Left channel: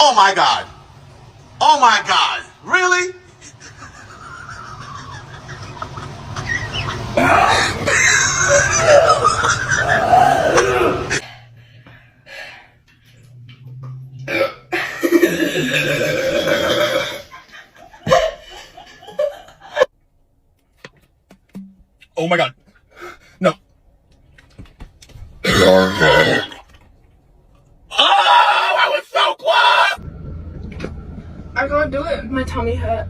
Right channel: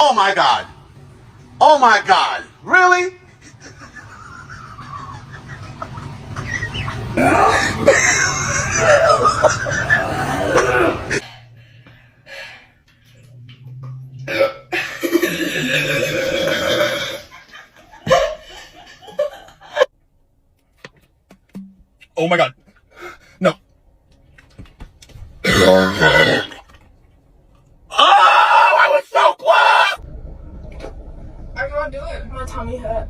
Oh my God. Oh my God. Really? Oh my God. No. Oh, I was so close! I can't do it. My tummy hurt.